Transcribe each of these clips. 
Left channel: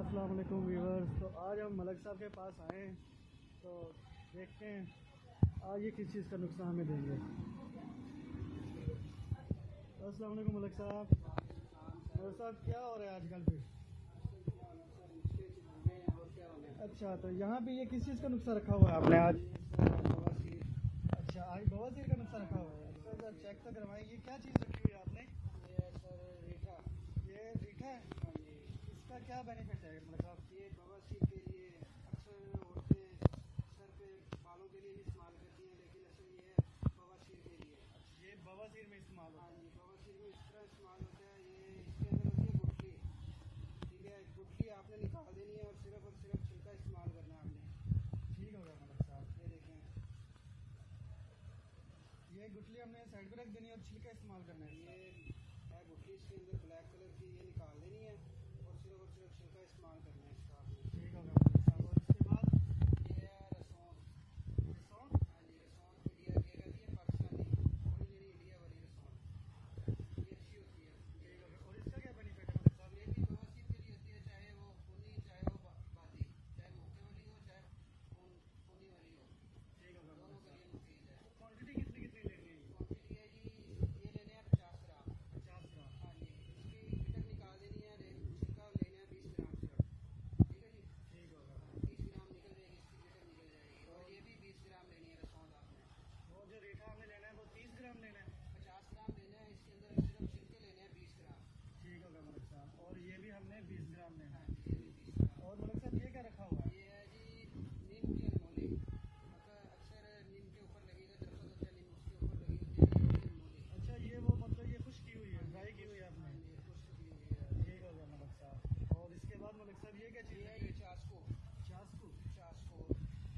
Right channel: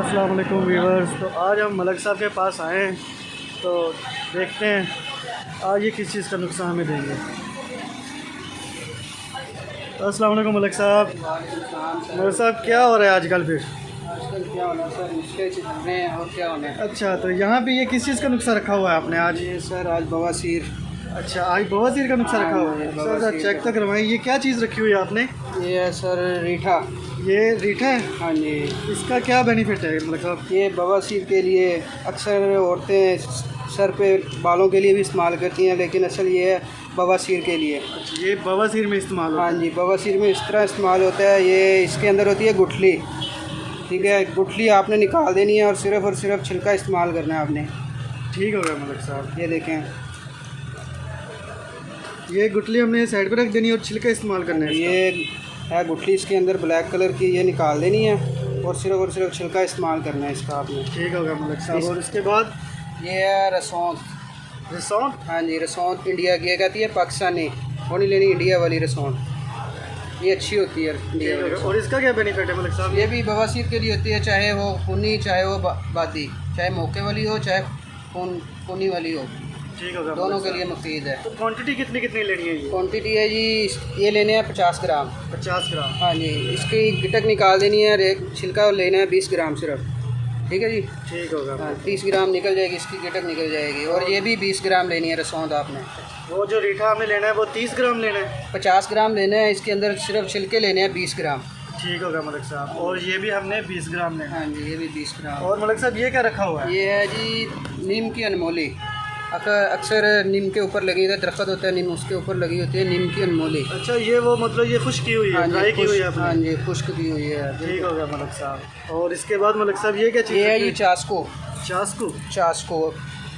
अस्सलाम वालेकुम व्यूअर्स। तो आज हम मलक साहब के पास आए हैं, तो देखते हैं आज ये किस चीज़ का नुकसान हमें देंगे। अस्सलाम वालेकुम मलक साहब। मलक साहब क्या हो रहा है आजकल फिर? आजकल क्या होना है सर, मुश्किल चल रहे हैं और क्या होना है। अच्छा, तो यहाँ पे ये किस चीज़ का नुकसान रखा हुआ है आपने आज? ये सर आज बवासीर। अच्छा, आज बवासीर का नुकसान रखा हुआ है। सर चेक तो करवाएं, ये क्या चीज़ रखी हुई है आपने? ये है सर रीठा। ये रीठा है? हाँ जी। इसका क्या बेनिफिट है मलक साहब? ये बवासीर के लिए अक्सर औरतें सर पे बालों के लिए भी इस्तेमाल करती हैं, लेकिन असल ये है बवासीर के लिए। अच्छा, ये बवासीर में इस्तेमाल होता है? हाँ जी, बवासीर में इस तरह इस्तेमाल होता है। ये इसके अंदर होती है गुठली, ठीक है। गुठली आपने निकाल देनी है और सिर्फ छिलका इस्तेमाल करना है आपने। ठीक हो गया मलक साहब। ये देखें, ये गुठली हमने साइड पे रख देनी है और छिलका इस्तेमाल करना है। ये है गुठली, इसके अंदर ब्लैक कलर की, ये निकाल देनी है और सिर्फ छिलका इस्तेमाल करना है इसका आपने। ठीक हो गया मलक साहब। और इसके बाद ये है रसौंत। रसौंत? हाँ जी, रसौंत इंडिया की कहती है, पाकिस्तानी वो नहीं लेनी, इंडिया वाली रसौंत ये अच्छी होती है इंडिया वाली। और इसका क्या बेनिफिट है मलक साहब? ये भी बवासीर के लिए होती है, चाहे वो खूनी, चाहे वो बादी, चाहे मौके वाली हो, चाहे खूनी वाली हो, ठीक होगा, दोनों के लिए मुफीद है। तो क्वांटिटी कितनी कितनी लेनी है ये? क्वान्टिटी है जी, ये लेने हैं 50 ग्राम। 50 ग्राम? हाँ जी, इसकी गिटक निकाल देनी है और एक छिलका लेना है 20 ग्राम सिर्फ, ठीक है जी। ठीक होगा। हाँ, 30 ग्राम निकल जाएगी, इसकी गिटक निकल जाएगी। और ये भी 20 ग्राम लेनी है रसौंद आपने। वो जो रीठा हमें लेना है वो 30 ग्राम लेना है? 50 ग्राम लेना है, इसके अंदर सिर्फ छिलके लेने हैं 20 ग्राम। ठीक होगा मलक साहब। और ये भी हमने 20 ग्राम लेना है? हाँ जी, ये भी 20 ग्राम। और मलक साहब ये क्या रखा हुआ है? ये है जी नीम की अनमोली। अक्सर नीम के ऊपर लगी है, दरख्त होता है नीम, उसके ऊपर लगी होती है नीम की अनमोली। अच्छा, ये वो मतलब ये खुश्क की हुई है, ड्राई की हुई है आपने? हाँ जी, खुश्क की हुई है। ठीक होगा मलक साहब। और इसके बाद मलक साहब ये क्या चीज़? ये है जी चास्को। चास्को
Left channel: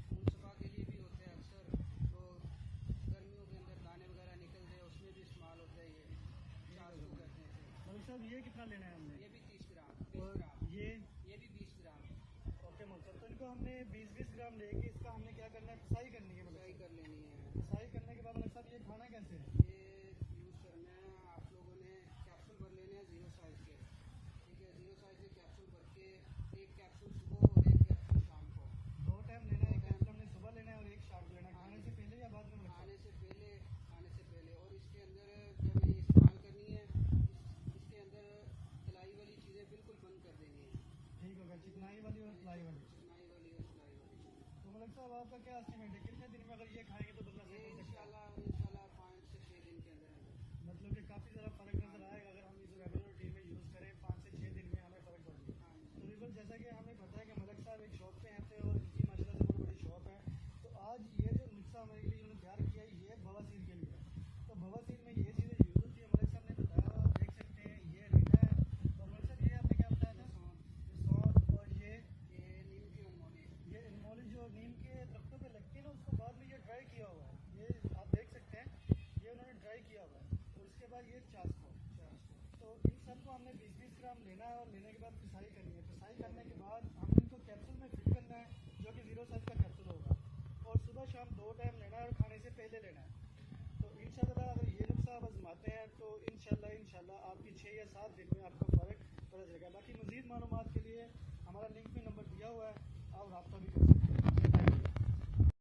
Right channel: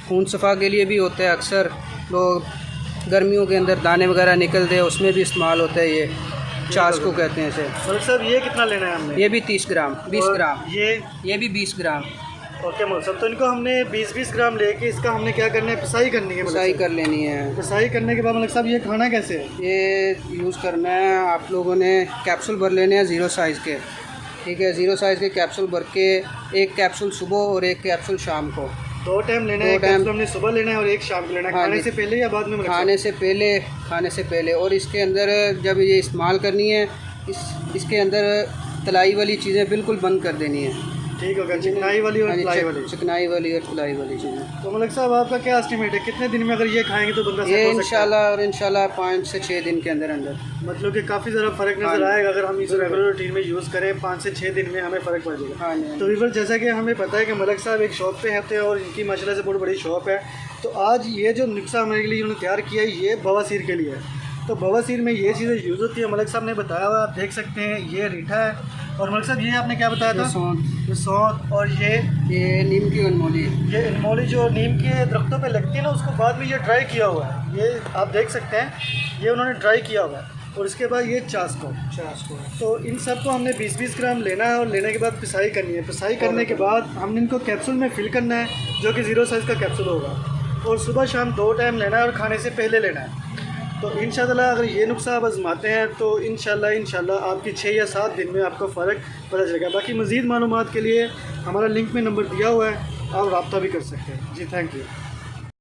खून सफ़ा के लिए भी होता है, अक्सर लोग गर्मियों के अंदर दाने वगैरह निकलते हैं, उसमें भी इस्तेमाल होता है। ये चास्को कहते हैं इसे। मलक साहब ये कितना लेना है हमने? ये भी 30 ग्राम, 20 ग्राम। ये भी 20 ग्राम। ओके मलक साहब, तो इनको हमने 20-20 ग्राम लेके इसका हमने क्या करना है, पिसाई करनी है? पिसाई कर लेनी है। पिसाई करने के बाद मलक साहब ये खाना कैसे है? ये यूज़ करना है आप लोगों ने, कैप्सूल भर लेने हैं 0 साइज़ के, ठीक है। 0 साइज़ के कैप्सूल भर के, एक कैप्सूल सुबह और एक कैप्सूल शाम को, 2 टाइम लेना है। कैप्सूल हमने सुबह लेना है और एक शाम को लेना है। हाँ खाने जी। से पहले या बाद में? खाने से पहले। और इसके अंदर जब ये इस्तेमाल करनी है, इसके अंदर तलाई वाली चीज़ें बिल्कुल बंद कर देनी है। ठीक होगा, चिकनाई वाली और तलाई वाली? चिकनाई वाली और तलाई वाली चीज़ें। तो मलक साहब आपका क्या एस्टिमेट है, कितने दिन में अगर ये खाएंगे तो बंदा ये सेट हो सकता है? इंशाल्लाह 5 से 6 दिन के अंदर मतलब कि काफ़ी ज़्यादा फ़र्क नज़र आएगा अगर हम इस रेगुलर रूटीन में यूज़ करें। 5 से 6 दिन में हमें फ़र्क पड़ जाएगा। हाँ जी। तो वीवर जैसा कि हमें पता है कि मलक साहब एक शॉप पे रहते हैं और इनकी माशाल्लाह से बहुत बड़ी शॉप है। तो आज ये जो नुस्खा हमारे लिए उन्होंने तैयार किया है, ये बवासीर के लिए है। तो बवासीर में ये चीज़ें यूज़ होती है, मलक साहब ने बताया हुआ, आप देख सकते हैं। ये रीठा है और मलक साहब ये आपने क्या बताया था? सौंठ। और ये नीम की अनमोली। ये अनमोली जो नीम के दरख्तों पे लगती है ना, उसको बाद में ये ड्राई किया हुआ है। ये आप देख सकते हैं, ये उन्होंने ड्राई किया हुआ है। और इसके बाद ये चास्को। तो इन सब को हमने 20-20 ग्राम लेना है और लेने के बाद पिसाई करनी है। पिसाई करने के बाद हमने इनको कैप्सूल में फिल करना है, जो कि 0 साइज़ का कैप्सूल होगा। और सुबह शाम 2 टाइम लेना है और खाने से पहले लेना है। तो इंशाल्लाह अगर ये नुस्खा आप आजमाते हैं तो इंशाल्लाह आपकी 6 या 7 दिन में आपको फ़र्क पता चलेगा। बाकी मज़ीद मालूमात के लिए हमारा लिंक में नंबर दिया हुआ है, आप रब्ता भी कर सकते हैं। जी, थैंक यू।